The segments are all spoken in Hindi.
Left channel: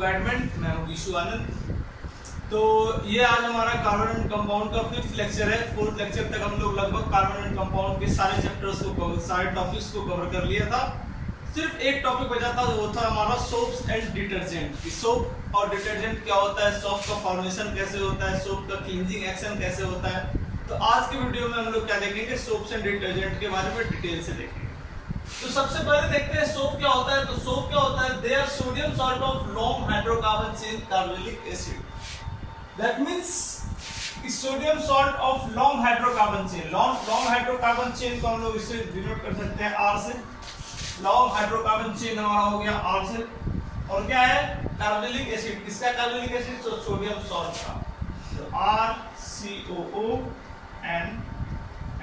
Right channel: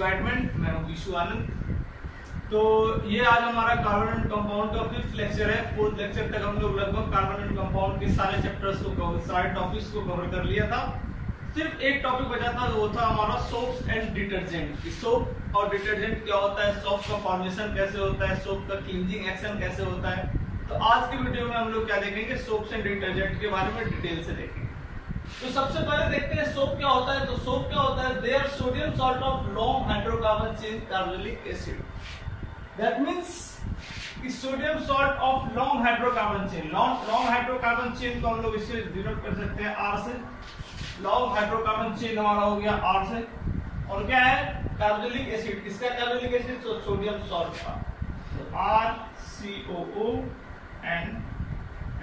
गाइडमेंट। मैं हूँ विशु आनंद। तो ये आज हमारा कार्बन एंड कंपाउंड का 5th लेक्चर है। 4th लेक्चर तक हम लोग लगभग कार्बन एंड कंपाउंड के सारे चैप्टर्स को सारे टॉपिक्स को कवर कर लिया था। सिर्फ एक टॉपिक बचा था, वो था हमारा सोप्स एंड डिटर्जेंट। सोप और डिटर्जेंट क्या होता है, सोप का फॉर्मेशन कैसे होता है, सोप का क्लींजिंग एक्शन कैसे होता है। तो आज के वीडियो में हम लोग क्या देखेंगे, सोप्स एंड डिटर्जेंट के बारे में डिटेल से देखेंगे। तो सबसे पहले देखते हैं सोप क्या होता है। तो सोप क्या होता है, they are sodium salt of long hydrocarbon chain carbonic acid. That means sodium salt of long hydrocarbon chain. Long hydrocarbon chain को हम लोग इससे डिनोट कर सकते हैं आर से। लॉन्ग हाइड्रोकार्बन चेन हमारा हो गया आर से। और क्या है, कार्बोनिक एसिड। किसका कार्बोनिक एसिड, तो सोडियम सॉल्ट का। तो R C O O N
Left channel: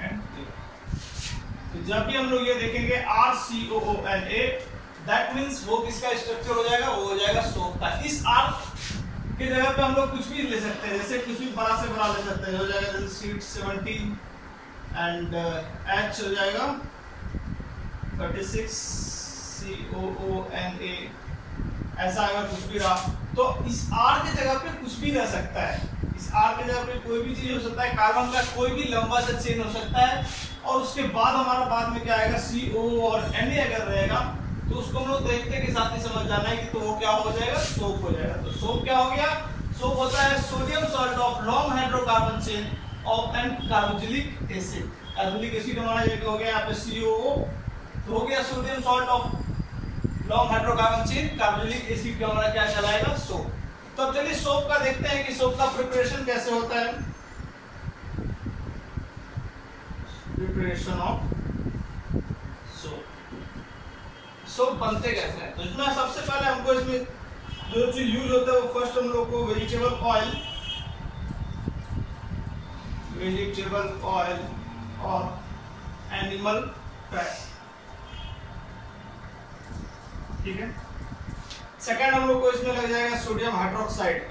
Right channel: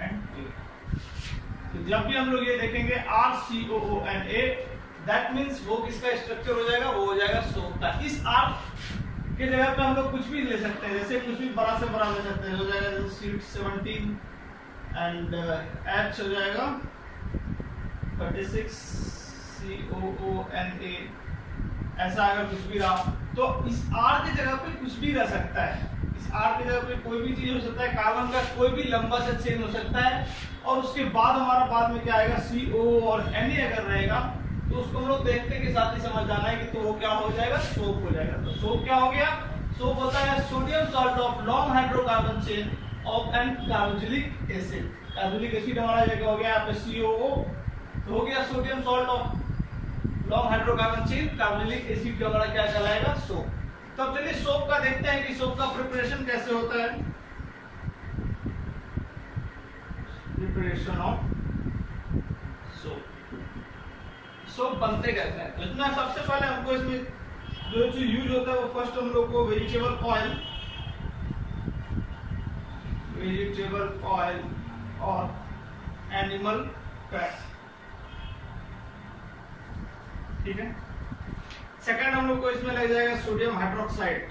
N A. तो जब भी हम लोग ये देखेंगे R C O O N A, that means वो किसका स्ट्रक्चर हो जाएगा, वो हो जाएगा सोप का। इस आर की जगह पे हम लोग कुछ भी ले सकते हैं, जैसे कुछ भी बड़ा से बड़ा ले सकते हैं। हो जाएगा जैसे सीट 17 एंड एच हो जाएगा 36 सी ओ ओ एन ए, ऐसा अगर कुछ भी रहा तो इस आर की जगह पे कुछ भी रह सकता है। इस आर की जगह पे कोई भी चीज हो सकता है, कार्बन का कोई भी लंबा सा चेन हो सकता है। और उसके बाद हमारा बाद में क्या आएगा, सी ओ और एन ए अगर रहेगा तो उसको हम लोग देखते के साथ ही समझ जाना है कि तो वो क्या हो जाएगा, सोप हो जाएगा। तो सोप क्या हो गया, सोप होता है sodium salt of long hydrocarbon chain of an carbonic acid. Carbonic acid हमारा ये हो गया यहाँ पे COO, तो हो गया sodium salt of long hydrocarbon chain carbonic acid का हमारा क्या कहलाएगा, सोप। तो अब चलिए सोप का देखते हैं कि सोप का प्रिपरेशन कैसे होता है। प्रिपरेशन ऑफ सोप बनते कैसे हैं। तो इसमें सबसे पहले हमको इसमें जो चीज यूज होता है वो फर्स्ट हम लोग को वेजिटेबल ऑयल और एनिमल फैट, ठीक है। सेकंड हम लोग को इसमें लग जाएगा सोडियम हाइड्रोक्साइड,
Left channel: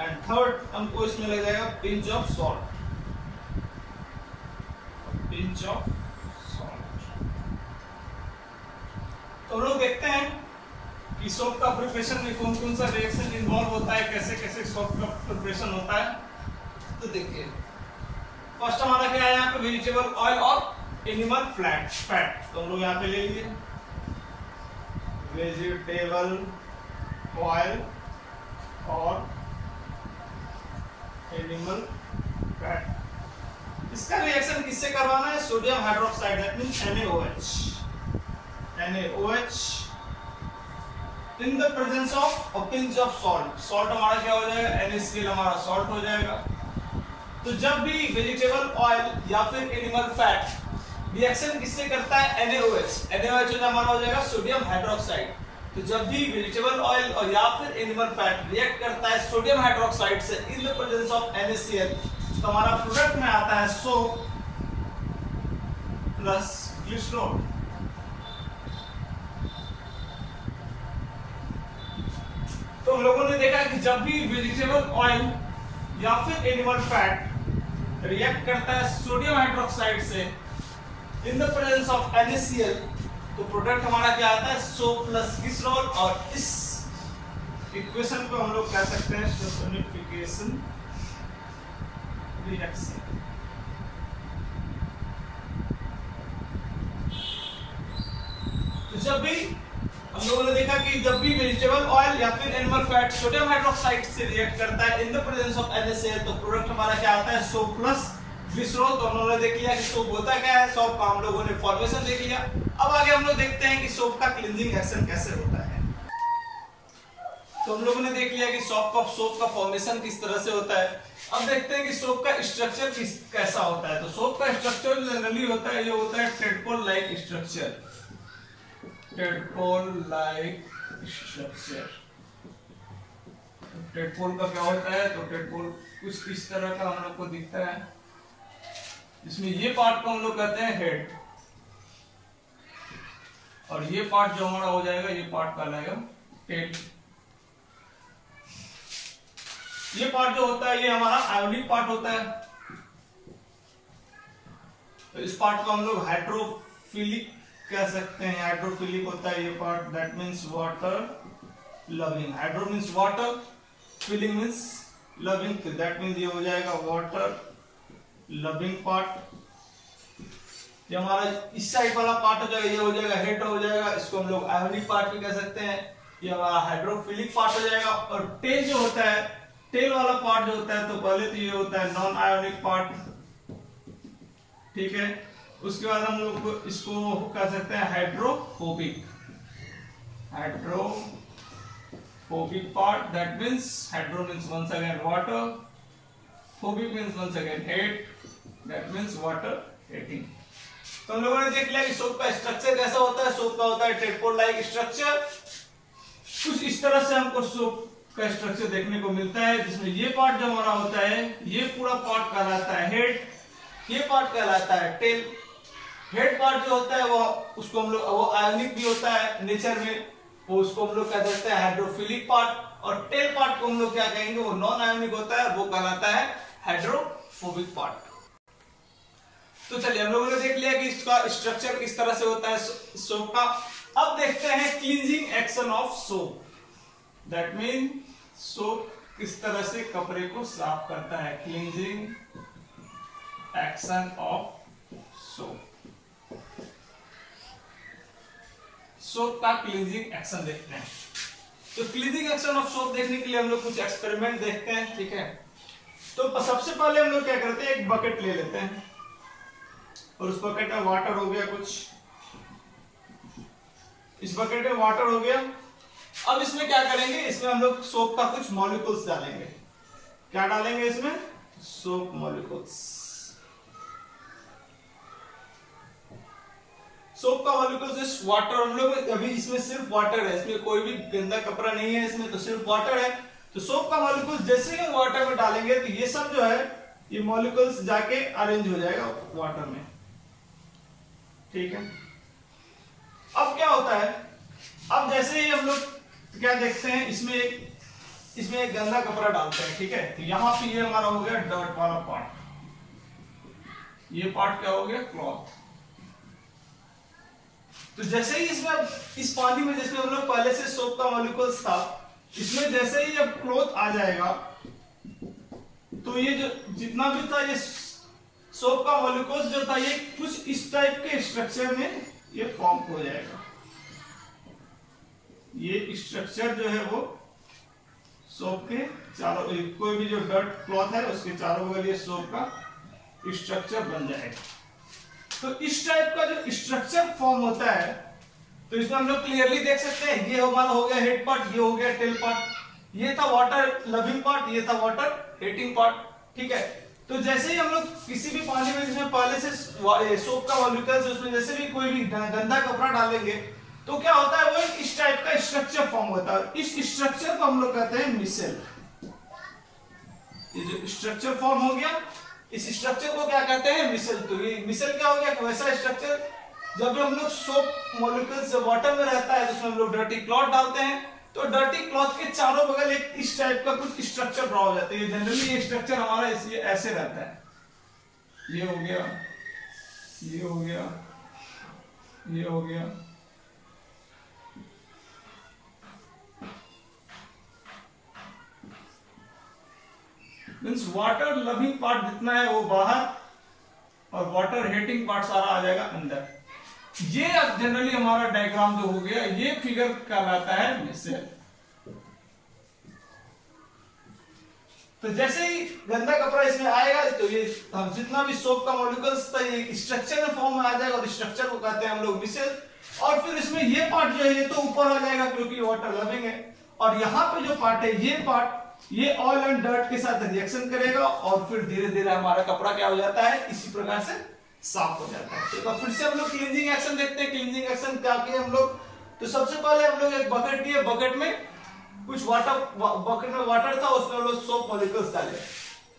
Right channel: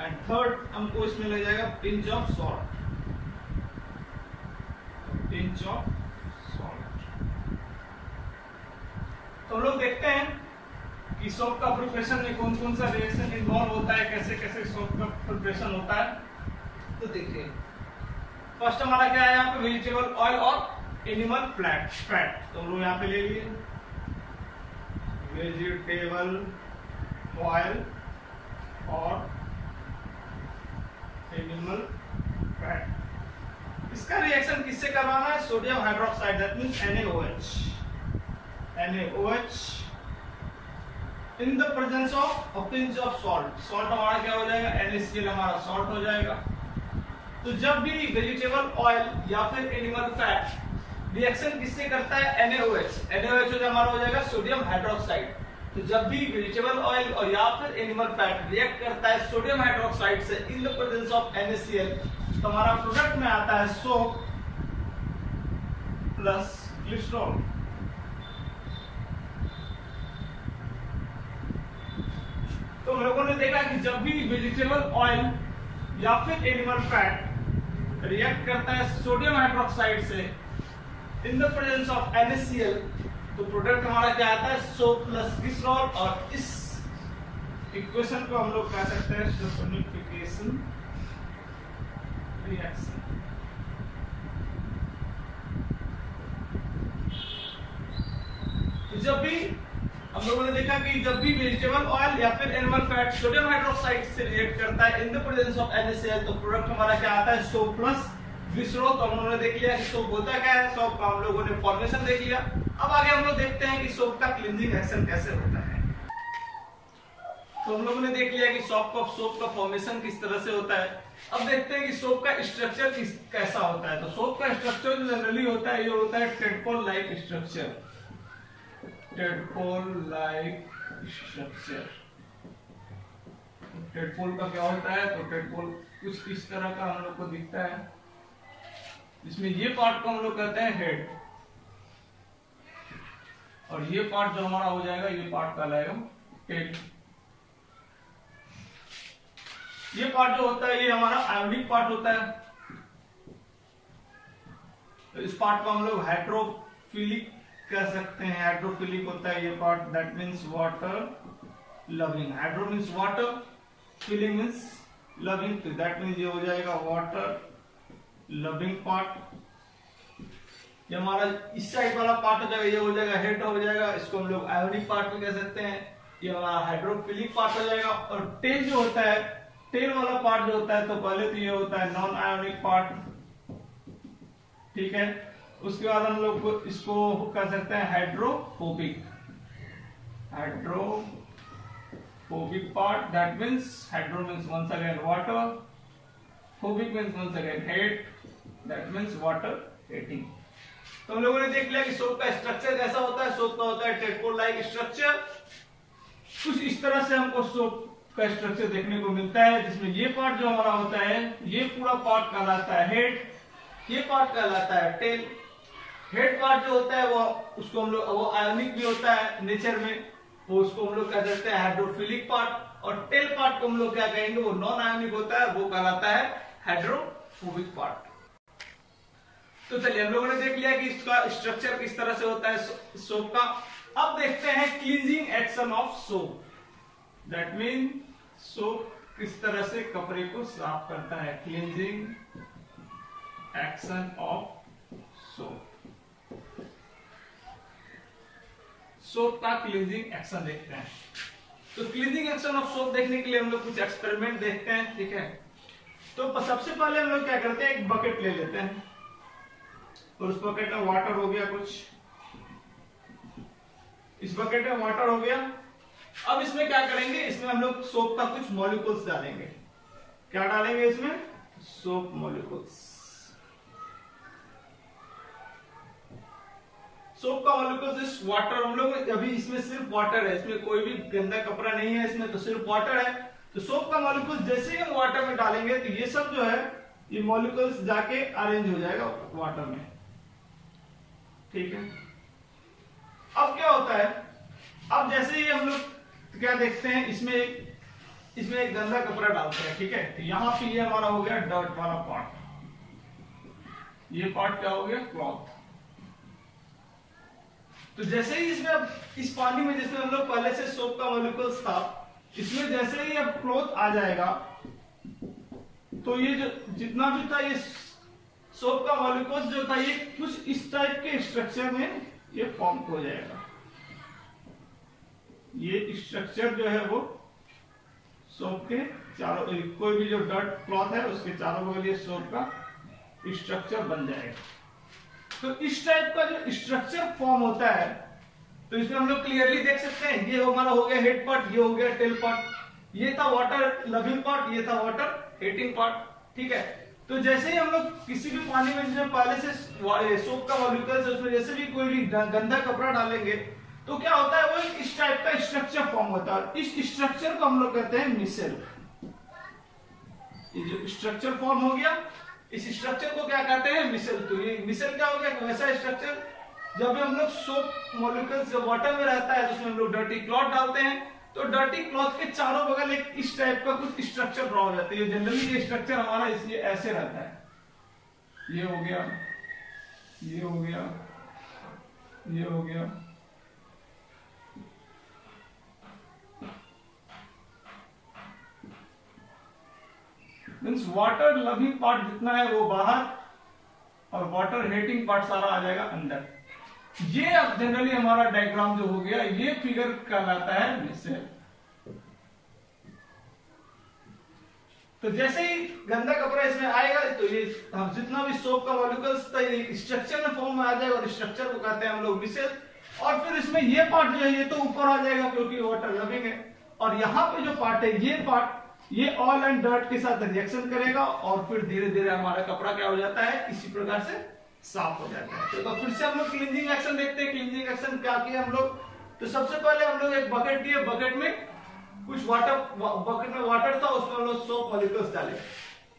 एंड थर्ड हमको इसमें लग जाएगा पिंच ऑफ सॉल्ट। तो लोग देखते हैं कि सोप का प्रिपरेशन में कौन कौन सा रिएक्शन इन्वॉल्व होता है, कैसे कैसे सोप का प्रिपरेशन होता है। तो देखिए फर्स्ट हमारा क्या है, यहाँ पे वेजिटेबल ऑयल और एनिमल फैट। तो हम लोग यहाँ पे ले लीजिए वेजिटेबल ऑयल और एनिमल फैट। इसका रिएक्शन किससे करवाना है, sodium hydroxide, that means NaOH in the presence of a pinch of salt. Salt हमारा क्या हो जाएगा, NaCl हमारा सॉल्ट हो जाएगा। तो जब भी वेजिटेबल ऑयल या फिर एनिमल फैट रिएक्शन किससे करता है, NaOH हमारा हो जाएगा सोडियम हाइड्रोक्साइड। तो जब भी वेजिटेबल ऑयल और या फिर एनिमल फैट रिएक्ट करता है सोडियम हाइड्रोक्साइड से in the presence of NaCl, तो हमारा प्रोडक्ट में आता है सोप प्लस ग्लिसरॉल। तो हम लोगों ने देखा कि जब भी वेजिटेबल ऑयल या फिर एनिमल फैट रिएक्ट करता है सोडियम हाइड्रोक्साइड से in the presence of NaCl, तो प्रोडक्ट हमारा क्या आता है, सोप प्लस ग्लिसरॉल। और इस इक्वेशन को हम लोग कह सकते हैं सल्फोनिफिकेशन रिएक्शन। तो जब भी हम लोगों ने देखा कि जब भी वेजिटेबल ऑयल या फिर एनिमल फैट सोडियम हाइड्रोक्साइड से रिएक्ट करता है in the presence of NaCl, तो प्रोडक्ट हमारा क्या आता है, सोप प्लस ग्लिसरॉल। तो हम लोगों ने देख लिया कि सोप होता क्या है, सोप का हम लोगों ने फॉर्मेशन देख लिया। अब आगे हम लोग देखते हैं कि सोप का क्लींजिंग एक्शन कैसे होता है। तो हम लोगों ने देख लिया कि सोप का फॉर्मेशन किस तरह से होता है। अब देखते हैं कि सोप का स्ट्रक्चर कैसा होता है। तो सोप का स्ट्रक्चर जनरली होता है, ये होता है टेडपोल लाइक स्ट्रक्चर। टेडपोल का क्या होता है, तो टेडपोल कुछ इस तरह का हम लोग को दिखता है। इसमें ये पार्ट को हम लोग कहते हैं हेड, और ये पार्ट जो हमारा हो जाएगा, ये पार्ट कहलाएगा टेल। ये पार्ट जो होता है ये हमारा आयोनिक पार्ट होता है। तो इस पार्ट को हम लोग हाइड्रोफिलिक कह सकते हैं। हाइड्रोफिलिक होता है ये part, that means water loving. Hydro means water, philic means loving, तो दैट मीन्स ये हो जाएगा वाटर लविंग पार्ट। ये हमारा इस साइड वाला पार्ट हो जाएगा, ये हो जाएगा हेड हो जाएगा, इसको हम लोग आयोनिक पार्ट भी कह सकते हैं। ये हमारा हाइड्रोफिलिक पार्ट हो जाएगा। और टेल जो होता है, टेल वाला पार्ट जो होता है, तो पहले तो ये होता है नॉन आयोनिक पार्ट, ठीक है। उसके बाद हम लोग इसको कह सकते हैं hydrophobic, hydrophobic part, that means hydro means once again water, phobic means once again hate, that means water hating. तो हम लोगों ने देख लिया कि सोप का स्ट्रक्चर कैसा होता है। सोप का होता है टेडपोल लाइक स्ट्रक्चर। कुछ इस तरह से हमको सोप का स्ट्रक्चर देखने को मिलता है, जिसमें ये पार्ट जो हमारा होता है, ये पूरा पार्ट कहलाता है हेड, ये पार्ट कहलाता है टेल। हेड पार्ट जो होता है वो उसको हम लोग, वो आयोनिक भी होता है नेचर में, वो उसको हम लोग कह सकते हैं हाइड्रोफिलिक पार्ट। और टेल पार्ट को हम लोग क्या कहेंगे, वो नॉन आयोनिक होता है, वो कहलाता है हाइड्रोफोबिक पार्ट। तो चलिए हम लोगों ने देख लिया कि इसका स्ट्रक्चर किस तरह से होता है सोप का। अब देखते हैं cleansing action of soap, that mean soap किस तरह से कपड़े को साफ करता है। Cleansing action of soap, soap का क्लींजिंग एक्शन देखते हैं। तो क्लींजिंग एक्शन ऑफ सोप देखने के लिए हम लोग कुछ एक्सपेरिमेंट देखते हैं, ठीक है। तो सबसे पहले हम लोग क्या करते हैं, एक बकेट ले लेते हैं और उस बकेट में वाटर हो गया कुछ, इस बकेट में वाटर हो गया। अब इसमें क्या करेंगे, इसमें हम लोग सोप का कुछ मॉलिक्यूल्स डालेंगे। क्या डालेंगे इसमें, सोप मॉलिक्यूल्स। सोप का मॉलिक्यूल्स इस वाटर, हम लोग अभी इसमें सिर्फ वाटर है, इसमें कोई भी गंदा कपड़ा नहीं है, इसमें तो सिर्फ वाटर है। तो सोप का मॉलिक्यूल्स जैसे ही वाटर में डालेंगे तो ये सब जो है, ये मॉलिक्यूल्स जाके अरेंज हो जाएगा वाटर में, ठीक है। अब क्या होता है, अब जैसे ही हम लोग क्या देखते हैं, इसमें एक गंदा कपड़ा डालते हैं, ठीक है। तो यहाँ पे ये हमारा हो गया डर्ट वाला पार्ट, ये पार्ट क्या हो गया, क्लॉथ। तो जैसे ही इसमें, इस पानी में जिसमें हम लोग पहले से सोप का मॉलिक्यूल्स था, इसमें जैसे ही अब क्लॉथ आ जाएगा, तो ये जो जितना भी था, ये सोप का मॉलिक्यूल्स जो था, ये कुछ इस टाइप के स्ट्रक्चर में ये फॉर्म हो जाएगा। ये स्ट्रक्चर जो है वो सोप के चारों, कोई भी जो डर्ट क्लॉथ है उसके चारों बगल ये सोप का स्ट्रक्चर बन जाएगा। तो इस टाइप का जो स्ट्रक्चर फॉर्म होता है, तो इसमें हम लोग क्लियरली देख सकते हैं, ये हमारा हो गया हेड पार्ट, ये हो गया टेल पार्ट, ये था वाटर लविंग पार्ट, ये था वाटर हेटिंग पार्ट, ठीक है। तो जैसे ही हम लोग किसी भी पानी में जिसमें पहले से सोप का मॉलिक्यूल्स है, उसमें जैसे भी कोई भी गंदा कपड़ा डालेंगे, तो क्या होता है, वो एक इस टाइप का स्ट्रक्चर फॉर्म होता है। इस स्ट्रक्चर को हम लोग कहते हैं मिसेल। ये जो स्ट्रक्चर फॉर्म हो गया, इस स्ट्रक्चर को क्या कहते हैं, मिसेल। तो ये मिसेल क्या हो गया, वैसा स्ट्रक्चर जब भी हम लोग सोप मॉलिक्यूल्स वाटर में रहता है, तो उसमें हम लोग डर्टी क्लॉथ डालते हैं, तो डर्टी क्लॉथ के चारों बगल एक इस टाइप का कुछ स्ट्रक्चर बना हो जाता है। जनरली ये स्ट्रक्चर हमारा ये ऐसे रहता है, ये हो गया, ये हो गया, ये हो गया। मीन्स वाटर लविंग पार्ट जितना है वो बाहर, और वाटर हेटिंग पार्ट सारा आ जाएगा अंदर। ये अब जनरली हमारा डायग्राम जो हो गया, ये फिगर कहलाता है मिसेल। तो जैसे ही गंदा कपड़ा इसमें आएगा, तो ये जितना भी सोप का मॉलिक्यूल्स था, ये स्ट्रक्चर में फॉर्म में आ जाएगा, और स्ट्रक्चर को कहते हैं हम लोग मिसेल। और फिर इसमें ये पार्ट जो है, ये तो ऊपर आ जाएगा क्योंकि वाटर लविंग है, और यहाँ पे जो पार्ट है, ये पार्ट, ये ऑयल एंड डर्ट के साथ रिएक्शन करेगा, और फिर धीरे धीरे हमारा कपड़ा क्या हो जाता है, इसी प्रकार से साफ हो जाता है। तो फिर से हम लोग क्लींजिंग एक्शन देखते हैं। क्लींजिंग एक्शन क्या किया हम लोग, तो सबसे पहले हम लोग एक बकेट लिए, बकेट में कुछ वाटर, बकेट में वाटर था, उसमें हम लोग सोप मॉलिक्यूल्स डाले।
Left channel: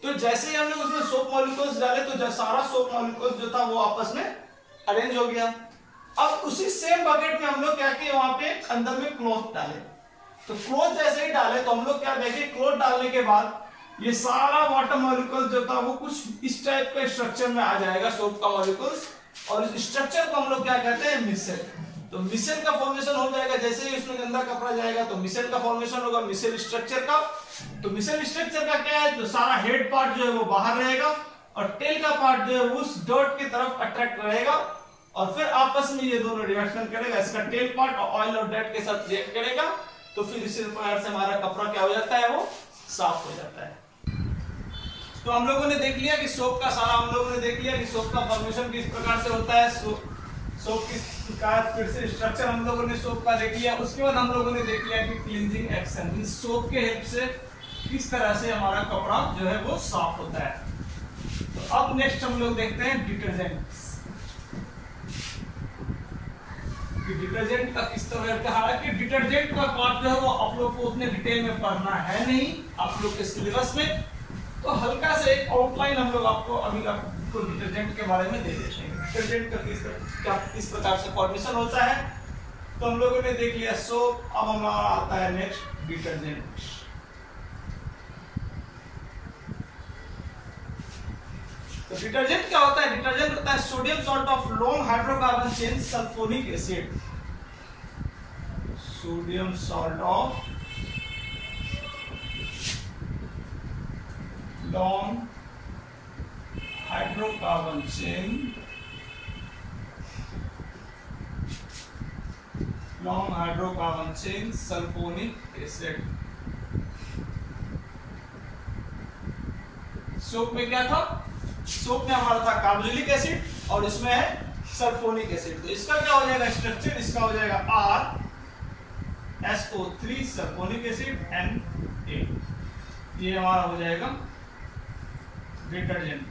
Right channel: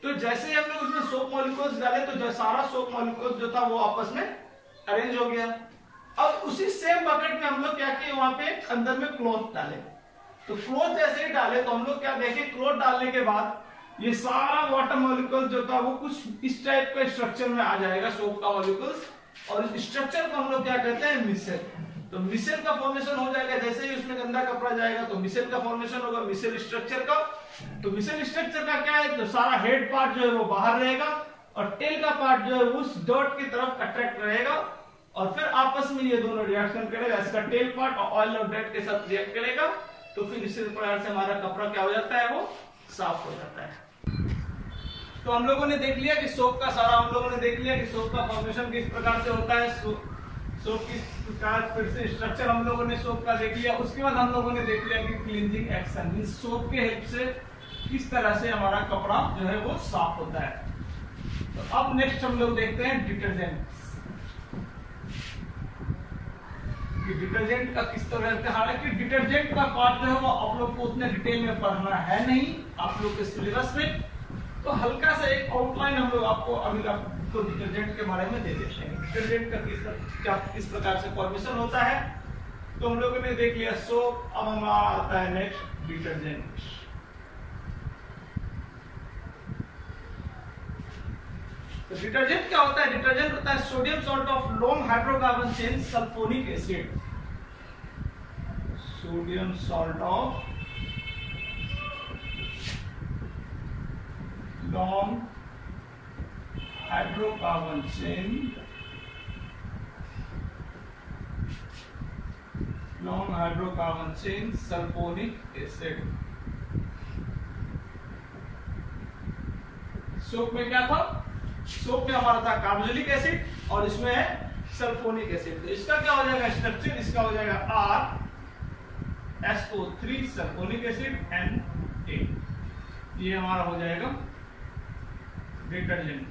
तो जैसे ही हम लोग उसमें सोप मॉलिक्यूल्स डाले, तो सारा सोप मॉलिक्यूल्स जो था वो आपस में अरेंज हो गया। अब उसी सेम बकेट में हम लोग क्या किए, वहां पे अंदर में क्लॉथ डाले। तो क्लॉथ जैसे ही डाले, तो हम लोग क्या देखे, क्लॉथ डालने के बाद ये सारा वाटर मॉलिक्यूल जो था वो कुछ इस टाइप का स्ट्रक्चर में आ जाएगा सोप का मॉलिक्यूल्स, और इस स्ट्रक्चर को हम लोग क्या कहते हैं, मिसेल। तो मिसेल का फॉर्मेशन हो जाएगा, जैसे ही उसमें गंदा कपड़ा जाएगा तो मिसेल का फॉर्मेशन होगा, मिसेल स्ट्रक्चर का। तो मिसेल स्ट्रक्चर का क्या है, तो सारा हेड पार्ट जो है वो बाहर रहेगा और टेल का पार्ट जो है उस डर्ट की तरफ अट्रैक्ट रहेगा, और फिर आपस में ये दोनों रिएक्शन करेगा, इसका टेल पार्ट ऑयल और डर्ट के साथ रिएक्ट करेगा, तो फिर इसी प्रकार से हमारा कपड़ा क्या हो जाता है, वो साफ हो जाता है। तो हम लोगों ने देख लिया कि सोप का सारा, हम लोगों ने देख लिया कि सोप का फॉर्मेशन किस प्रकार से होता है, सोप किस प्रकार, फिर से स्ट्रक्चर हम लोगों ने सोप का देख लिया। उसके बाद हम लोगों ने देख लिया कि क्लींजिंग एक्शन, सोप के हेल्प से किस तरह से हमारा कपड़ा जो है वो साफ होता है। तो अब नेक्स्ट हम लोग देखते हैं डिटर्जेंट, कि डिटर्जेंट का किस तरह का, हालांकि डिटर्जेंट का पार्ट जो है वो आप लोग को उतने डिटेल में पढ़ना है नहीं आप लोग के सिलेबस में, तो हल्का से एक आउटलाइन हम लोग आपको अभी आपको डिटर्जेंट के बारे में दे देते हैं। डिटर्जेंट का किस प्रकार से फॉर्मेशन होता है, तो हम लोगों ने देख लिया सोप। अब हमारा आता है नेक्स्ट डिटर्जेंट। तो डिटर्जेंट क्या होता है, डिटर्जेंट होता है sodium salt of long hydrocarbon chain sulphonic acid, sodium salt of long hydrocarbon chain, long hydrocarbon chain sulphonic acid. Soap में क्या था, सोप में हमारा था कार्बोक्सिलिक एसिड और इसमें है सल्फोनिक एसिड। तो इसका क्या हो जाएगा स्ट्रक्चर, इसका हो जाएगा RSO3 सल्फोनिक एसिड Na, ये हमारा हो जाएगा डिटर्जेंट।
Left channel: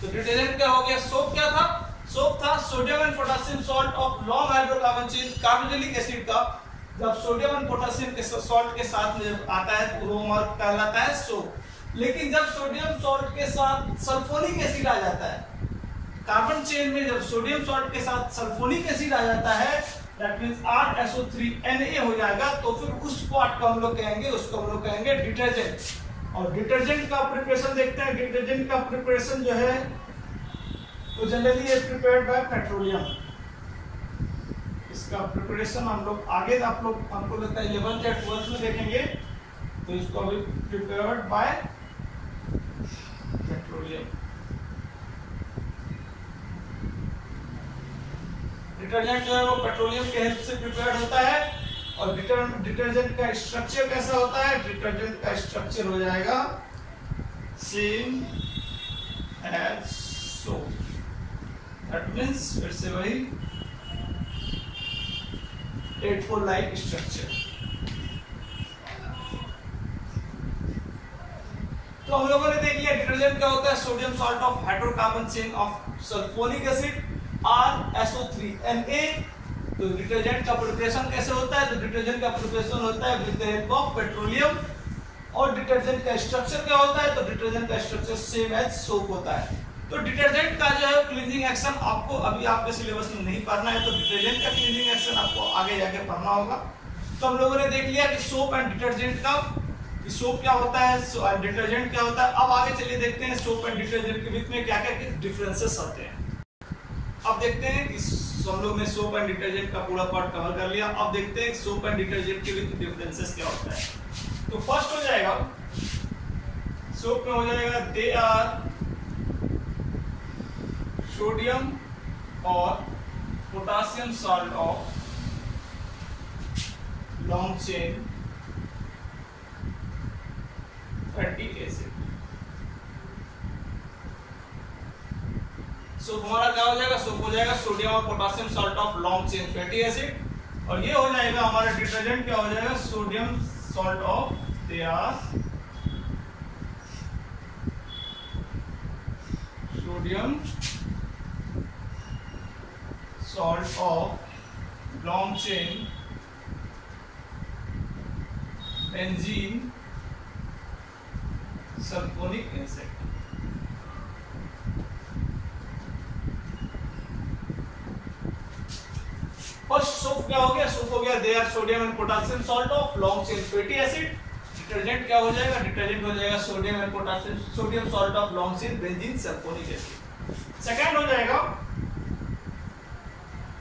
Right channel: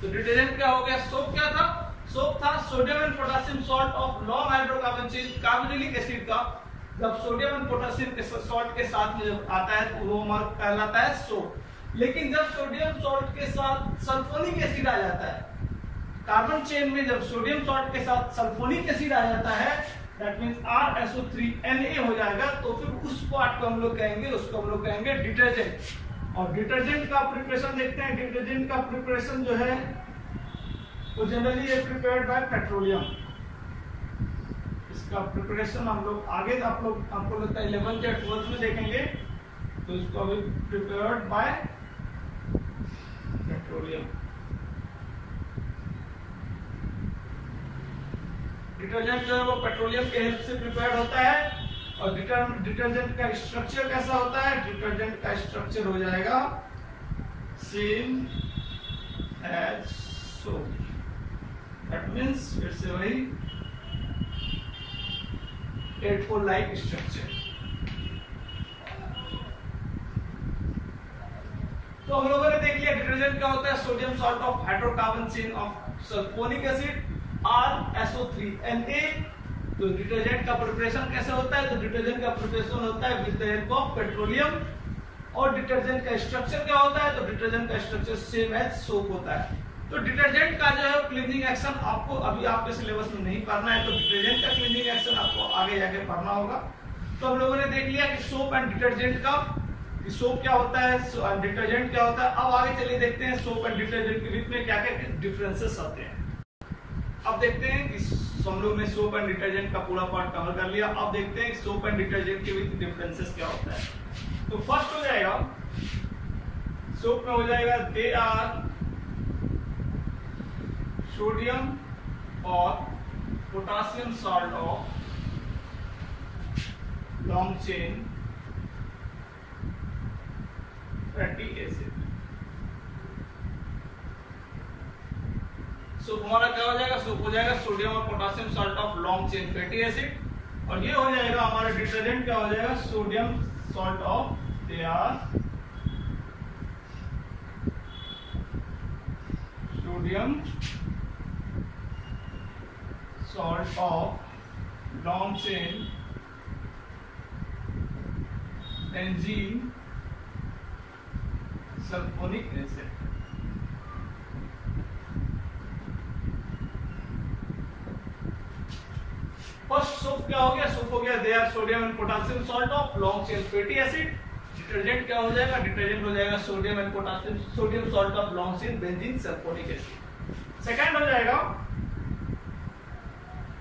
तो डिटर्जेंट क्या हो गया, सोप क्या था, सोप था sodium and potassium salt of long hydrocarbon chain carboxylic acid का, जब सोडियम एंड पोटेशियम के सॉल्ट के साथ में जब आता है तो वो हमारा कहलाता है सोप। लेकिन जब सोडियम सॉल्ट के साथ सल्फोनिक एसिड आ जाता है, कार्बन चेन में जब सोडियम सॉल्ट के साथ सल्फोनिक एसिड आ जाता है, दैट मींस RSO3Na हो जाएगा, तो फिर उस पार्ट को हम लोग कहेंगे, उसको हम लोग कहेंगे डिटर्जेंट। और डिटर्जेंट का प्रिपरेशन देखते हैं। डिटर्जेंट का प्रिपरेशन जो है तो जनरली ये प्रिपेयर्ड बाय पेट्रोलियम। इसका प्रिपरेशन हम लोग आगे आप लोग हमको लगता है 11th या 12th में देखेंगे, तो इसको अभी प्रिपेयर्ड बाय पेट्रोलियम। डिटर्जेंट जो है वो पेट्रोलियम के हेल्प से प्रिपेयर्ड होता है। और डिटर्जेंट का स्ट्रक्चर कैसा होता है, डिटर्जेंट का स्ट्रक्चर हो जाएगा same as soap, that means फिर से वही 8-4 लाइक स्ट्रक्चर। तो हम लोगों ने देख लिया डिटर्जेंट क्या होता है, sodium salt of hydrocarbon chain of sulphonic acid RSO3Na। तो डिटर्जेंट का प्रिपरेशन कैसे होता है, तो डिटर्जेंट का प्रिपरेशन होता है with the help of petroleum. और डिटर्जेंट का स्ट्रक्चर क्या होता है, तो डिटर्जेंट का स्ट्रक्चर सेम एज सोप होता है। तो डिटर्जेंट का जो है क्लींजिंग एक्शन आपको अभी आपके सिलेबस में नहीं पढ़ना है, तो डिटर्जेंट का क्लींजिंग एक्शन आपको आगे जाके पढ़ना होगा। तो हम लोगों ने देख लिया कि सोप एंड डिटर्जेंट का, कि सोप क्या होता है, डिटर्जेंट क्या होता है। अब आगे चलिए देखते हैं सोप एंड डिटर्जेंट के बीच में क्या क्या डिफरेंसेस आते हैं। अब देखते हैं कि हम लोग ने सोप एंड डिटर्जेंट का पूरा पार्ट कवर कर लिया। अब देखते हैं सोप एंड डिटर्जेंट के बीच डिफरेंसेस क्या होता है। तो फर्स्ट हो जाएगा सोप में हो जाएगा दे आर सोडियम और potassium salt of long chain fatty acid. Soap हमारा क्या हो जाएगा, सोप हो जाएगा सोडियम और potassium salt of long chain fatty acid. और ये हो जाएगा हमारा डिटर्जेंट क्या हो जाएगा, sodium salt of they are sodium salt of long chain benzene sulphonic acid. First soap क्या हो गया, सोप हो गया they are sodium and potassium salt of long chain fatty acid. Detergent क्या हो जाएगा, डिटर्जेंट हो जाएगा sodium and potassium, sodium salt of long chain benzene sulphonic acid. Second हो जाएगा,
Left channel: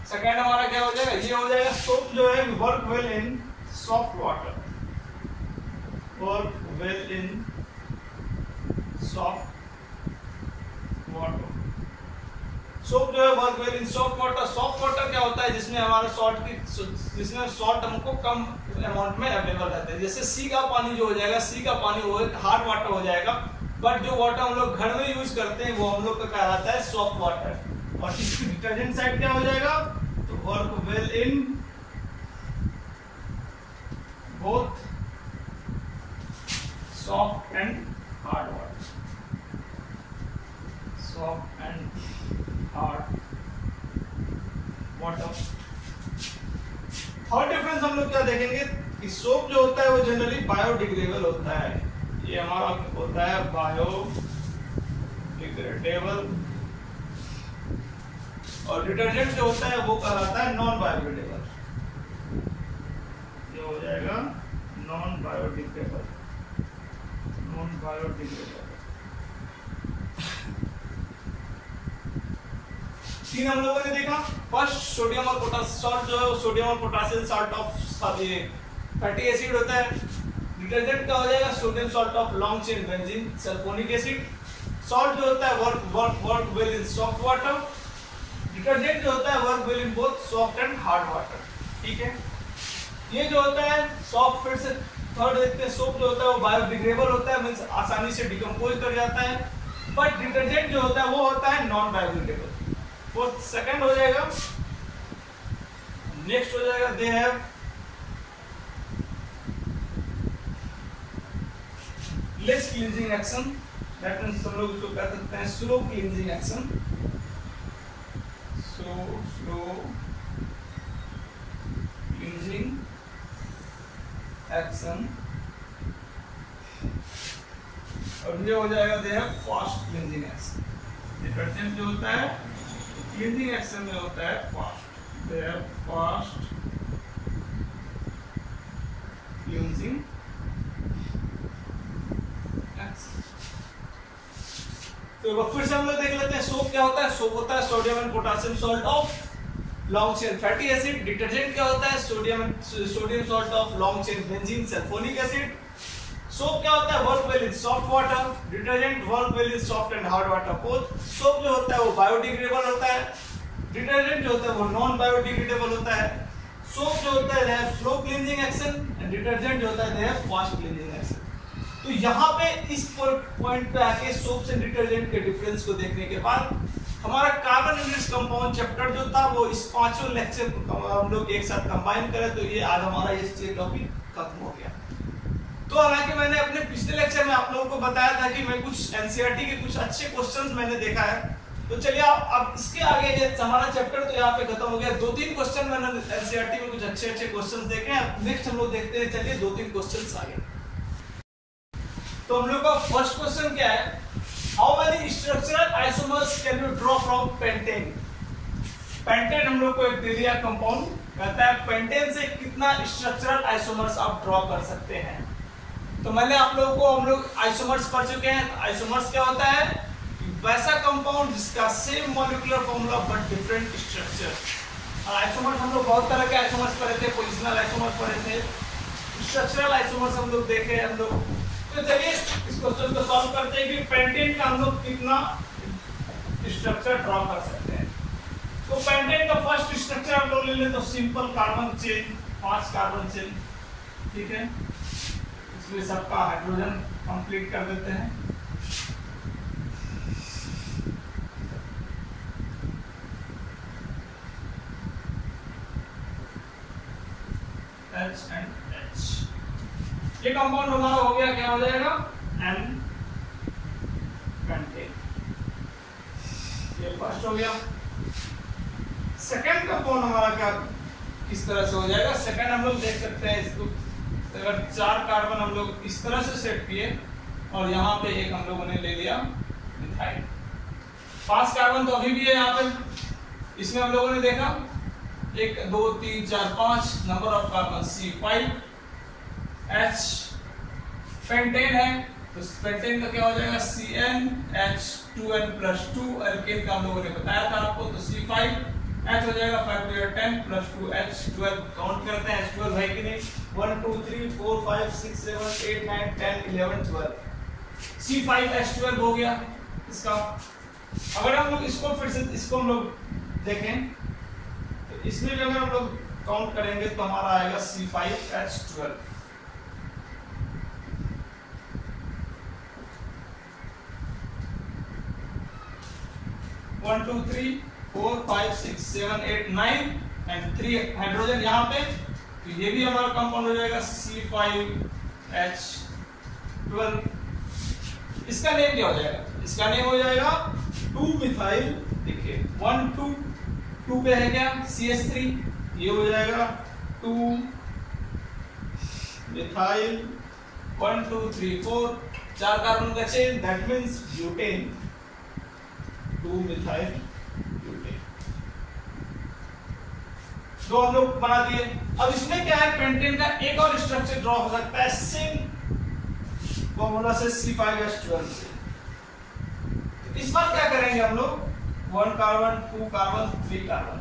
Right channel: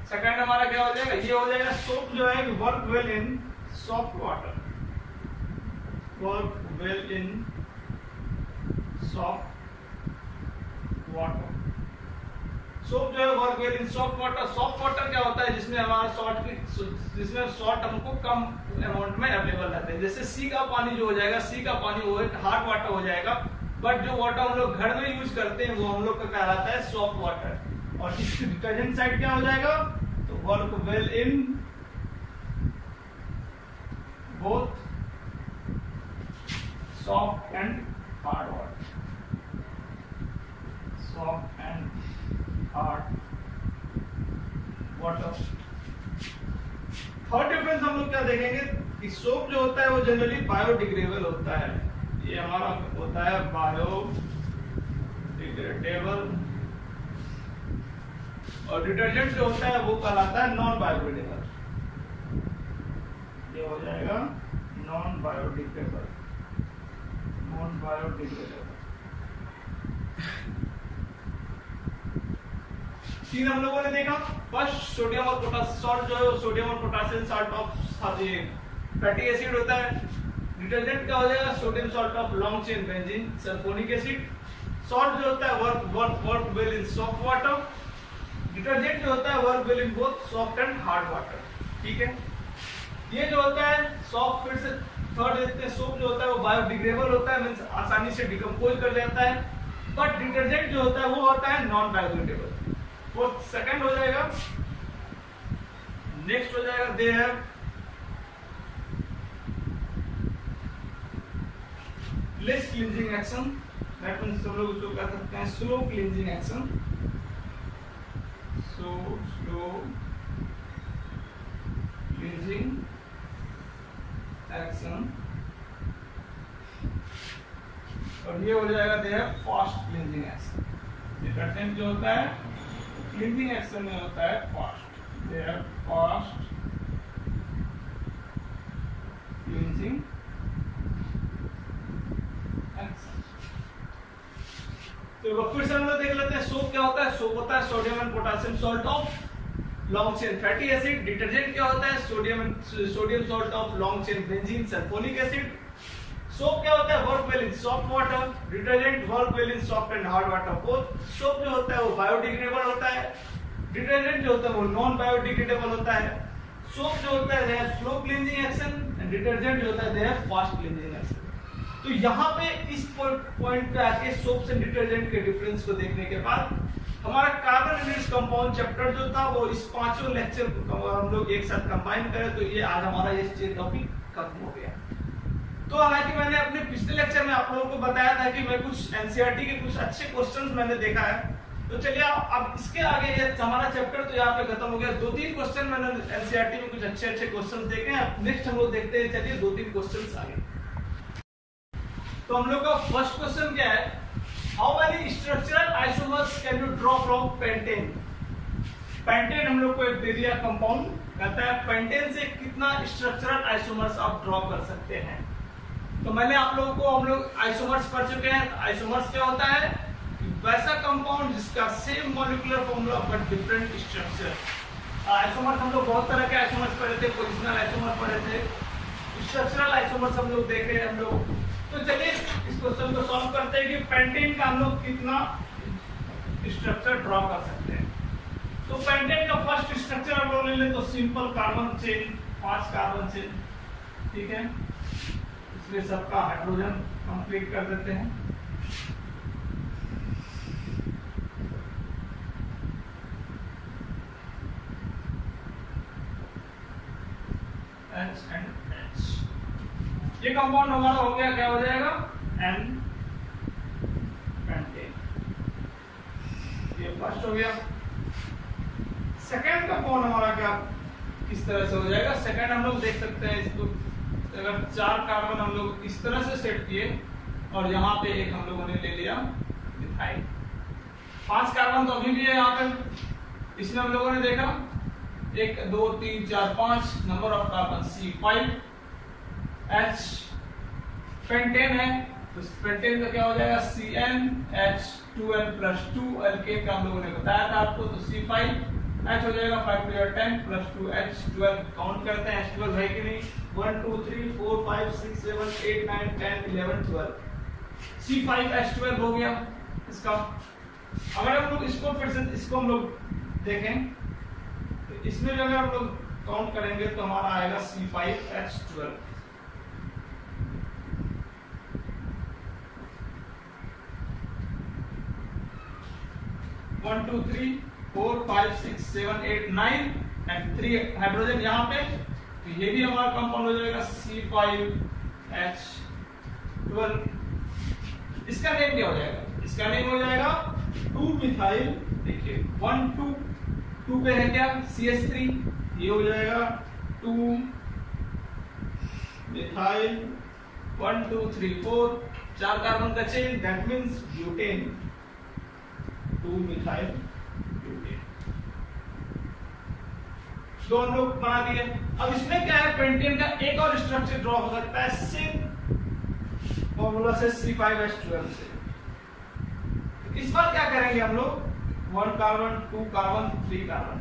सेकंड हमारा क्या हो जाएगा, ये हो जाएगा सोप जो है work well in soft water, work well in soft water. Soap जो है work well in soft water. Soft water क्या होता है, जिसमें हमारा सॉल्ट की, जिसमें सॉल्ट हमको कम अमाउंट में अवेलेबल रहता है। जैसे सी का पानी जो हो जाएगा, सी का पानी वो एक हार्ड वाटर हो जाएगा, बट जो वाटर हम लोग घर में यूज करते हैं वो हम लोग का कहलाता है सॉफ्ट वाटर। और इसकी डिटर्जेंट साइड क्या हो जाएगा, तो work well in both soft and hard water, soft and hard water. Third difference हम लोग क्या देखेंगे कि सोप जो होता है वो जनरली बायोडिग्रेडेबल होता है, ये हमारा होता है बायोडिग्रेडेबल, और डिटर्जेंट जो होता है वो कहलाता है नॉन बायोडिग्रेडेबल, ये हो जाएगा नॉन बायोडिग्रेडेबल, नॉन बायोडिग्रेडेबल। तीन हम लोगों ने देखा, फर्स्ट सोडियम और पोटेशियम सॉल्ट जो है वो सोडियम और potassium salt of fatty acid होता है। डिटर्जेंट क्या हो जाएगा, sodium salt of long chain benzene sulphonic acid. Salt जो होता है work well in soft water, detergent जो होता है work well in both soft and hard water. ठीक है, ये जो होता है सॉफ्ट, फिर से थर्ड देखते हैं, सोप जो होता है वो बायोडिग्रेडेबल होता है, मींस आसानी से डिकम्पोज कर जाता है, बट डिटर्जेंट जो होता है वो होता है नॉन बायोडिग्रेडेबल। वो सेकंड हो जाएगा। नेक्स्ट हो जाएगा they have less cleansing action, that means हम लोग उसको कह सकते हैं slow cleansing action, so slow cleansing action. और ये हो जाएगा they have fast cleansing action. Detergent जो होता है क्लींजिंग एक्शन में होता है fast, they have fast cleansing action. तो फिर से हम लोग देख लेते हैं सोप क्या होता है। सोप होता है sodium and potassium salt of long chain fatty acid. Detergent क्या होता है, sodium salt of long chain benzene sulphonic acid. Soap क्या होता है, work well in soft water. Detergent work well in soft and hard water both. Soap जो होता है वो बायोडिग्रेडेबल होता है, डिटर्जेंट जो होता है वो नॉन बायोडिग्रेडेबल होता है। सोप जो होता है they have slow cleansing action and detergent जो होता है they have fast cleansing action. तो यहाँ पे इस पॉइंट पे आके सोप्स एंड डिटर्जेंट के डिफरेंस को देखने के बाद हमारा कार्बन यूनिट्स कंपाउंड चैप्टर जो था वो इस पांचों लेक्चर को हम लोग एक साथ कंबाइन करें तो ये आज हमारा ये टॉपिक खत्म हो गया। तो हालांकि मैंने अपने पिछले लेक्चर में आप लोगों को बताया था कि मैं कुछ एनसीईआरटी के कुछ अच्छे क्वेश्चंस मैंने देखा है, तो चलिए अब इसके आगे ये हमारा चैप्टर तो यहाँ पे खत्म हो गया। 2-3 क्वेश्चन मैंने एनसीईआरटी में कुछ अच्छे क्वेश्चंस देखे हैं। नेक्स्ट हम लोग देखते हैं, चलिए 2-3 क्वेश्चंस आगे। तो हम लोग का फर्स्ट क्वेश्चन क्या है, how many structural isomers can you draw from pentane. Pentane हम लोग को एक दे दिया कंपाउंड, कहता है पेंटेन से कितना स्ट्रक्चरल आइसोमर्स आप ड्रॉ कर सकते हैं। तो मैंने आप लोगों को, हम लोग आइसोमर्स पढ़ चुके हैं। आइसोमर्स क्या होता है, वैसा कंपाउंड जिसका same molecular formula but different structure. Isomers हम लोग बहुत तरह के आइसोमर्स पढ़े थे, पोजिशनल आइसोमर्स पढ़े थे, स्ट्रक्चरल आइसोमर्स हम लोग देखे हम लोग। तो चलिए इस क्वेश्चन को सॉल्व करते हैं कि पेंटेन का हम लोग कितना स्ट्रक्चर ड्रॉ कर सकते हैं। तो पेंटेन का फर्स्ट स्ट्रक्चर हम लोग ले लें तो simple carbon chain, 5 carbon chain, ठीक है। इसलिए सबका हाइड्रोजन कंप्लीट कर देते हैं। H and H, ये कंपाउंड हमारा हो गया, क्या हो जाएगा, N पेंटेन। ये फर्स्ट हो गया। सेकंड कंपाउंड हमारा क्या किस तरह से हो जाएगा, सेकंड हम लोग देख सकते हैं इसको, अगर 4 कार्बन हम लोग इस तरह से सेट किए और यहाँ पे एक हम लोगों ने ले लिया मिथाइल। 5 कार्बन तो अभी भी है यहाँ पे। इसमें हम लोगों ने देखा 1 2 3 4 5 number of carbon C5, H pentane है तो पेंटेन का क्या हो जाएगा CnH2n+2, एल्केन का हम लोगों ने बताया था आपको, तो C5H हो जाएगा 5 × 10 + 2H12। काउंट करते हैं H12 है कि नहीं, 1 2 3 4 5 6 7 8 9 10 11 12, C5H12 हो गया इसका। अगर हम लोग इसको फिर से इसको हम लोग देखें तो इसमें भी अगर हम लोग काउंट करेंगे तो हमारा आएगा C5H12। 1 2 3 4 5 6 7 8 9 एंड 3 हाइड्रोजन यहाँ पे, तो ये भी हमारा कंपाउंड हो जाएगा C5H12। इसका नेम क्या हो जाएगा, इसका नेम हो जाएगा 2-मिथाइल, देखिए 1 2 2 पे है क्या CH3, ये हो जाएगा 2-मिथाइल 1 2 3 4, 4 कार्बन का chain, that means butane, two methyl butane. तो हम लोग बना दिए। अब इसमें क्या है, पेंटेन का एक और स्ट्रक्चर ड्रॉ हो सकता है सेम फॉर्मूला से C5H12 से। तो इस बार क्या करेंगे हम लोग, 1 कार्बन 2 कार्बन 3 कार्बन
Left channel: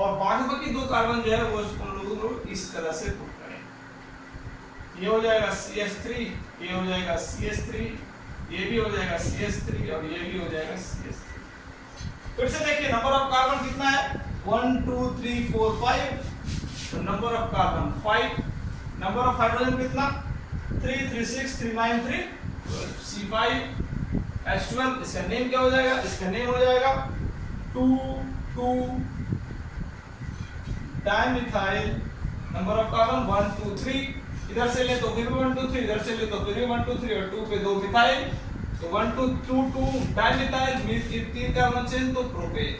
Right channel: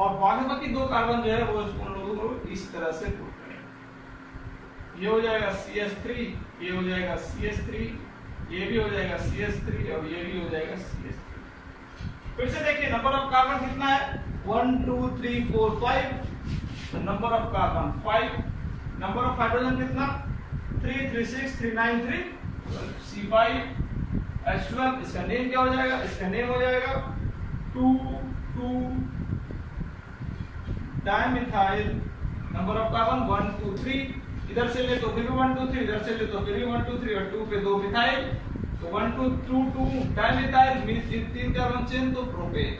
और बाकी 2 कार्बन जो है वो हम लोग इस तरह से पुट करेंगे। ये हो जाएगा CH3, ये हो जाएगा CH3, ये भी हो जाएगा CH3 और ये भी हो जाएगा CH3। फिर से देखिए नंबर ऑफ कार्बन कितना है, 1 2 3 4 5, तो number of carbon 5, number of hydrogen कितना 3 3 6 3 9 3 C5H12। इसका नेम क्या हो जाएगा, इसका नेम हो जाएगा 2 2 डाइमिथाइल, नंबर ऑफ कार्बन 1 2 3, इधर से ले तो फिर भी 1 2 3, इधर से ले तो फिर भी 1 2 3 और 2 पे 2 मिथाइल, तो 1 2 2 2 डाइमिथाइल मींस 3 कार्बन चेन, तो प्रोपेन।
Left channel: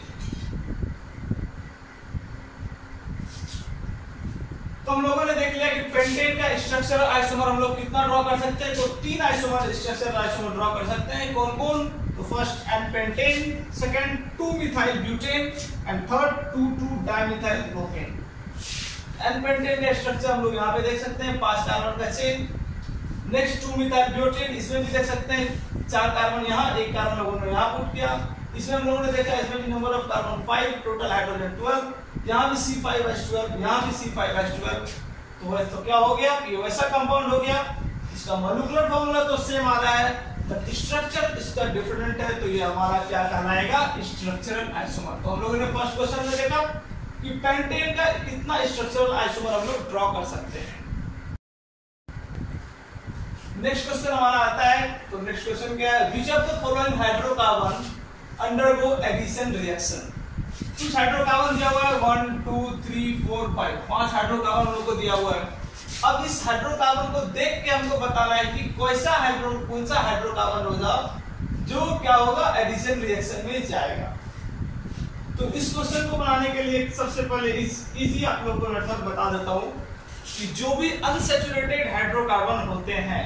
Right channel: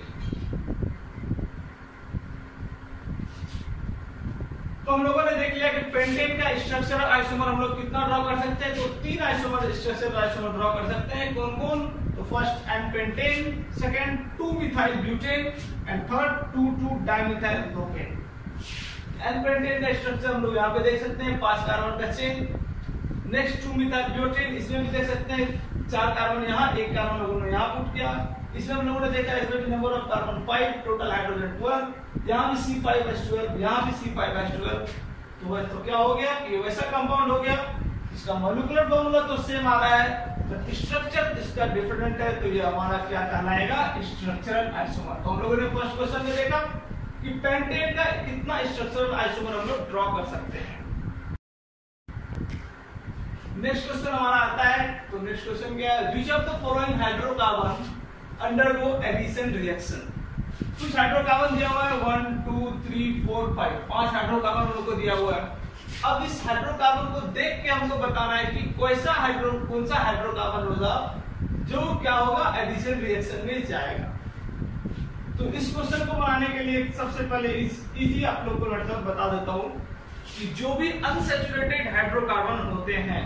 तो हम लोगों ने देख लिया कि पेंटेन का स्ट्रक्चरल आइसोमर हम लोग कितना ड्रॉ कर सकते हैं, तो 3 आइसोमर स्ट्रक्चरल आइसोमर ड्रॉ कर सकते हैं। कौन कौन, तो first n pentane, second two methyl butane and third 2 2 dimethyl propane. N pentane का स्ट्रक्चर हम लोग यहाँ पे देख सकते हैं, 5 कार्बन का चेन। नेक्स्ट 2-मिथाइल ब्यूटेन, इसमें भी देख सकते हैं 4 कार्बन यहाँ, 1 कार्बन लोगों ने यहाँ पुट किया। इसमें हम लोगों ने देखा इसमें भी number of carbon 5, total hydrogen 12, यहाँ भी C5H12, यहाँ भी C5H12। तो क्या हो गया कि वैसा कंपाउंड हो गया, इसका मॉलिक्यूलर फॉर्मूला तो सेम आ रहा है बट स्ट्रक्चर इसका डिफरेंट है, तो ये हमारा क्या कहलाएगा, स्ट्रक्चरल आइसोमर। तो हम लोगों ने फर्स्ट क्वेश्चन में देखा कि पेंटेन का कितना स्ट्रक्चरल आइसोमर हम लोग ड्रॉ कर सकते हैं। नेक्स्ट क्वेश्चन हमारा आता है, तो नेक्स्ट क्वेश्चन क्या है, which of the following hydrocarbon undergo addition reaction. कुछ हाइड्रोकार्बन दिया हुआ है 1 2 3 4 5, 5 हाइड्रोकार्बन हम लोग को दिया हुआ है। अब इस हाइड्रोकार्बन को देख के हमको बताना है कि कौन सा हाइड्रोकार्बन होगा जो क्या होगा, एडिशन रिएक्शन में जाएगा। तो इस क्वेश्चन को बनाने के लिए सबसे पहले इजी आप लोग को मेथड बता देता हूं कि जो भी अनसैचुरेटेड हाइड्रोकार्बन होते हैं,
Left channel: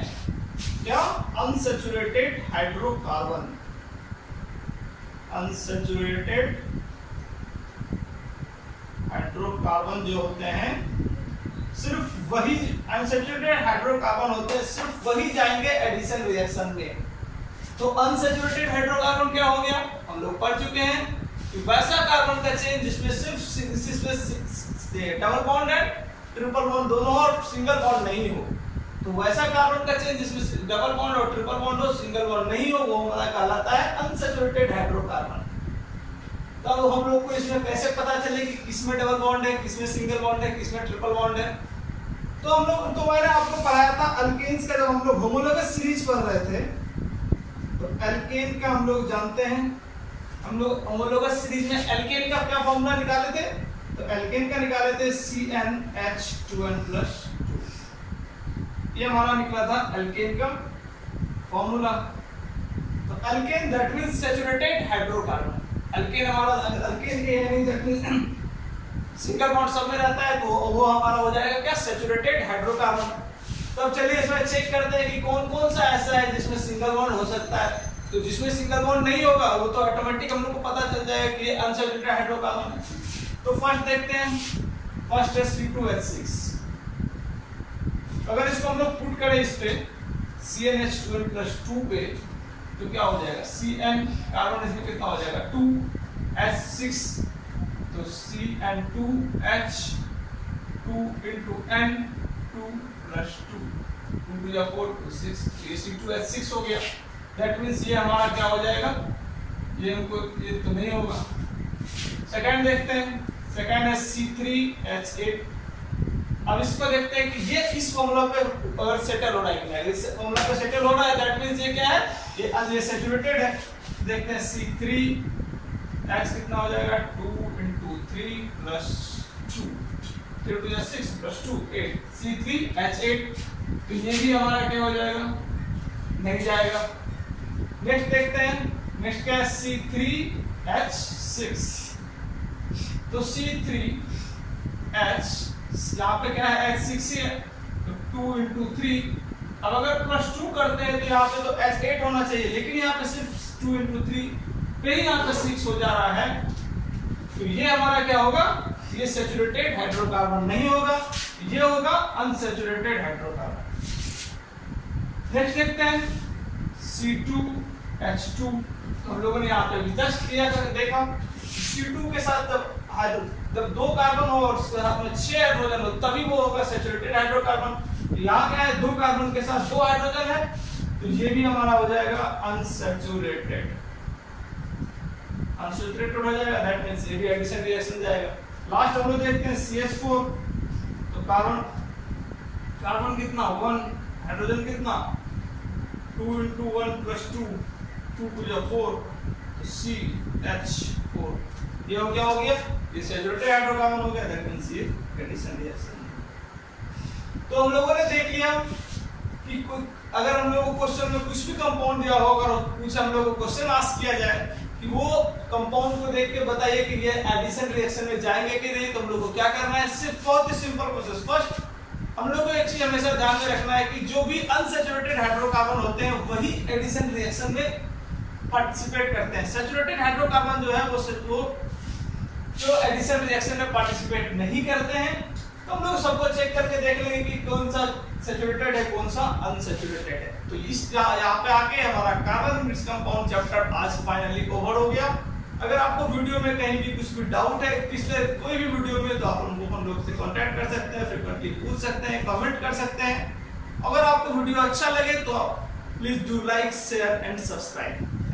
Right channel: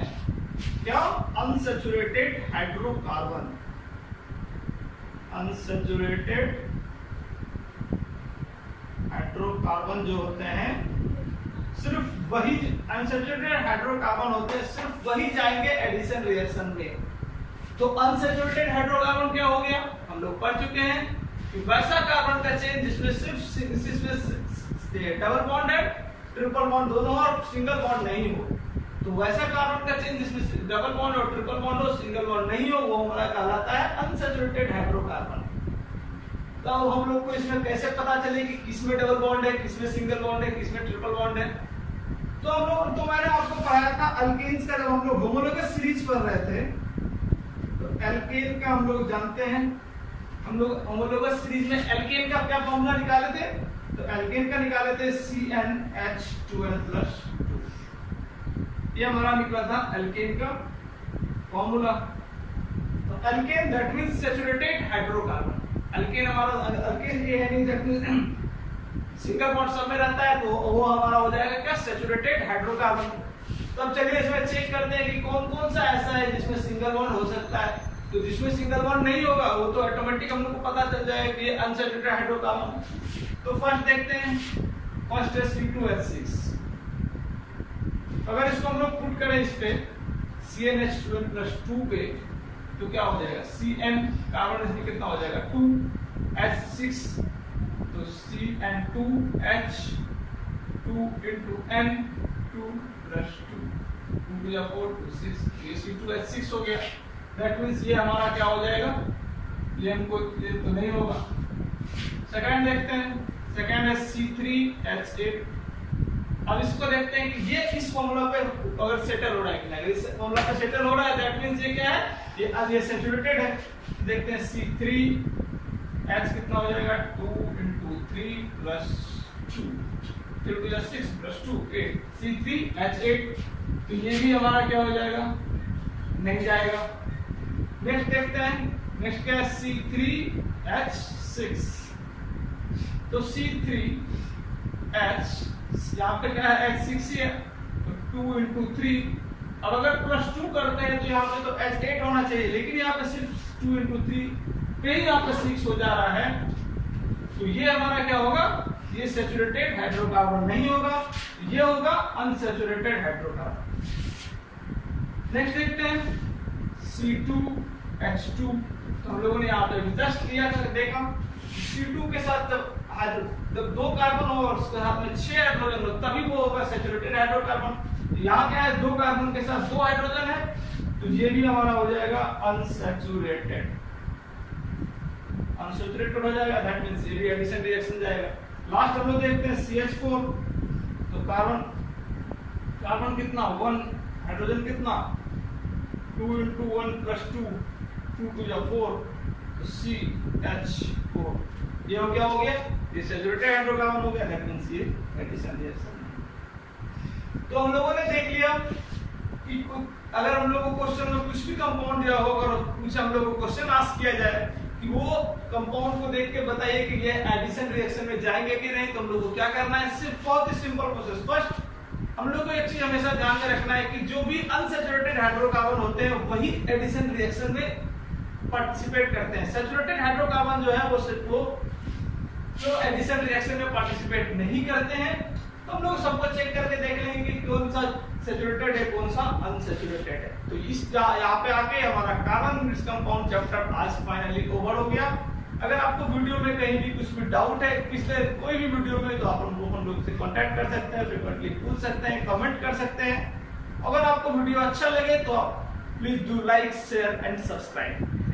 क्या अनसैचुरेटेड हाइड्रोकार्बन, अनसैचुरेटेड हाइड्रोकार्बन जो होते हैं, सिर्फ वही अनसैचुरेटेड हाइड्रोकार्बन होते हैं, सिर्फ वही जाएंगे एडिशन रिएक्शन में। तो अनसैचुरेटेड हाइड्रोकार्बन क्या हो गया, हम लोग पढ़ चुके हैं कि वैसा कार्बन का चेन जिसमें सिर्फ डबल बॉन्ड है, ट्रिपल बॉन्ड दोनों और सिंगल बॉन्ड नहीं हो। तो वैसा कार्बन का चेन जिसमें डबल बॉन्ड और ट्रिपल बॉन्ड हो, सिंगल बॉन्ड नहीं हो, वो हमारा कहलाता है अनसैचुरेटेड हाइड्रोकार्बन। तो हम लोग को इसमें कैसे पता चले कि किसमें डबल बॉन्ड है, किसमें सिंगल बॉन्ड है, किसमें ट्रिपल बॉन्ड है। तो हम लोग, तो मैंने आपको पढ़ाया था अल्केन्स का, जब हम लोग होमोलोगस सीरीज पढ़ रहे थे, तो एल्केन का हम लोग जानते हैं, हम लोग होमोलोगस सीरीज में एल्केन का क्या फॉर्मूला निकाले थे, तो एल्केन का निकाले थे CnH2n+2, ये हमारा निकला था एल्केन का फॉर्मूला। तो alkane that means saturated hydrocarbon, alkane हमारा अल्केन ये है नहीं, दैट मींस सिंगल बॉन्ड सब में रहता है, तो वो हमारा हो जाएगा क्या, सैचुरेटेड हाइड्रोकार्बन। तो अब चलिए इसमें चेक करते हैं कि कौन कौन सा ऐसा है जिसमें सिंगल बॉन्ड हो सकता है। तो जिसमें सिंगल बॉन्ड नहीं होगा वो तो ऑटोमेटिक हम लोग को पता चल जाएगा कि ये अनसैचुरेटेड हाइड्रोकार्बन है। तो फर्स्ट देखते हैं, फर्स्ट है C2H6। अगर इसको हम लोग पुट करें इस पे, CnH2n प्लस 2 पे तो क्या हो जाएगा Cn कार्बन इसमें कितना हो जाएगा 2H6 तो Cn2H2 into n 2 plus 2 2 या 4 to 6 ये C2H6 हो गया। दैट मींस ये हमारा क्या हो जाएगा ये हमको ये तो नहीं होगा। सेकंड देखते हैं सेकंड है C3H8। अब इसको देखते हैं कि ये इस फॉर्मूला पे अगर सेटल हो रहा है कि नहीं। इस फॉर्मूला पे सेटल हो रहा है दैट मींस ये क्या है ये आज ये सैचुरेटेड है। देखते हैं C3H कितना हो जाएगा 2 into 3 plus 2 3 to 6 plus 2 8 C3H8 तो ये भी हमारा क्या हो जाएगा नहीं जाएगा। नेक्स्ट देखते हैं नेक्स्ट क्या है C3H6 तो C3H यहाँ पे क्या है H6 ही है तो 2 into 3 अब अगर प्लस 2 करते हैं तो यहाँ पे तो H8 होना चाहिए लेकिन यहाँ पे सिर्फ 2 into 3 पे ही यहाँ पे 6 हो जा रहा है तो ये हमारा क्या होगा ये सैचुरेटेड हाइड्रोकार्बन नहीं होगा ये होगा अनसैचुरेटेड हाइड्रोकार्बन। नेक्स्ट देखते हैं C2H2 हम लोगों ने यहाँ पे जस्ट किया देखा C2 के साथ जब 2 कार्बन हो और उसके साथ में 6 हाइड्रोजन हो तभी वो होगा सैचुरेटेड हाइड्रोकार्बन। यहाँ क्या है 2 कार्बन के साथ 2 हाइड्रोजन है तो ये भी हमारा हो जाएगा अनसैचुरेटेड हो जाएगा। दैट मींस ये भी एडिशन रिएक्शन जाएगा। लास्ट हम लोग देखते हैं CH4 तो कार्बन कितना 1 हाइड्रोजन कितना 2 into 1 plus 2 2 to 4 तो CH4 ये हम क्या हो गया ये सैचुरेटेड हाइड्रोकार्बन हो गया। दैट मींस ये एडिशन रिएक्शन। तो हम लोगों ने देख लिया कि अगर हम लोगों को क्वेश्चन में कुछ भी कंपाउंड दिया हो अगर कुछ हम लोगों को क्वेश्चन आस्क किया जाए कि वो कंपाउंड को देख के बताइए कि ये एडिशन रिएक्शन में जाएंगे कि नहीं तो हम लोग को क्या करना है सिर्फ बहुत ही सिंपल प्रोसेस। फर्स्ट हम लोग को एक चीज हमेशा ध्यान में रखना है कि जो भी अनसैचुरेटेड हाइड्रोकार्बन होते हैं वही एडिशन रिएक्शन में पार्टिसिपेट करते हैं। सैचुरेटेड हाइड्रोकार्बन जो है वो जो एडिशन रिएक्शन में पार्टिसिपेट नहीं करते हैं तो हम लोग सबको चेक करके देख लेंगे कि कौन सा सैचुरेटेड है कौन सा अनसैचुरेटेड है। तो इस यहाँ पे आके हमारा कार्बन मिक्स कंपाउंड चैप्टर आज फाइनली ओवर हो गया। अगर आपको वीडियो में कहीं भी कुछ भी डाउट है पिछले कोई भी वीडियो में तो आप हम लोग से कांटेक्ट कर सकते हैं फ्रीक्वेंटली पूछ सकते हैं कमेंट कर सकते हैं। अगर आपको वीडियो अच्छा लगे तो please do like share and subscribe.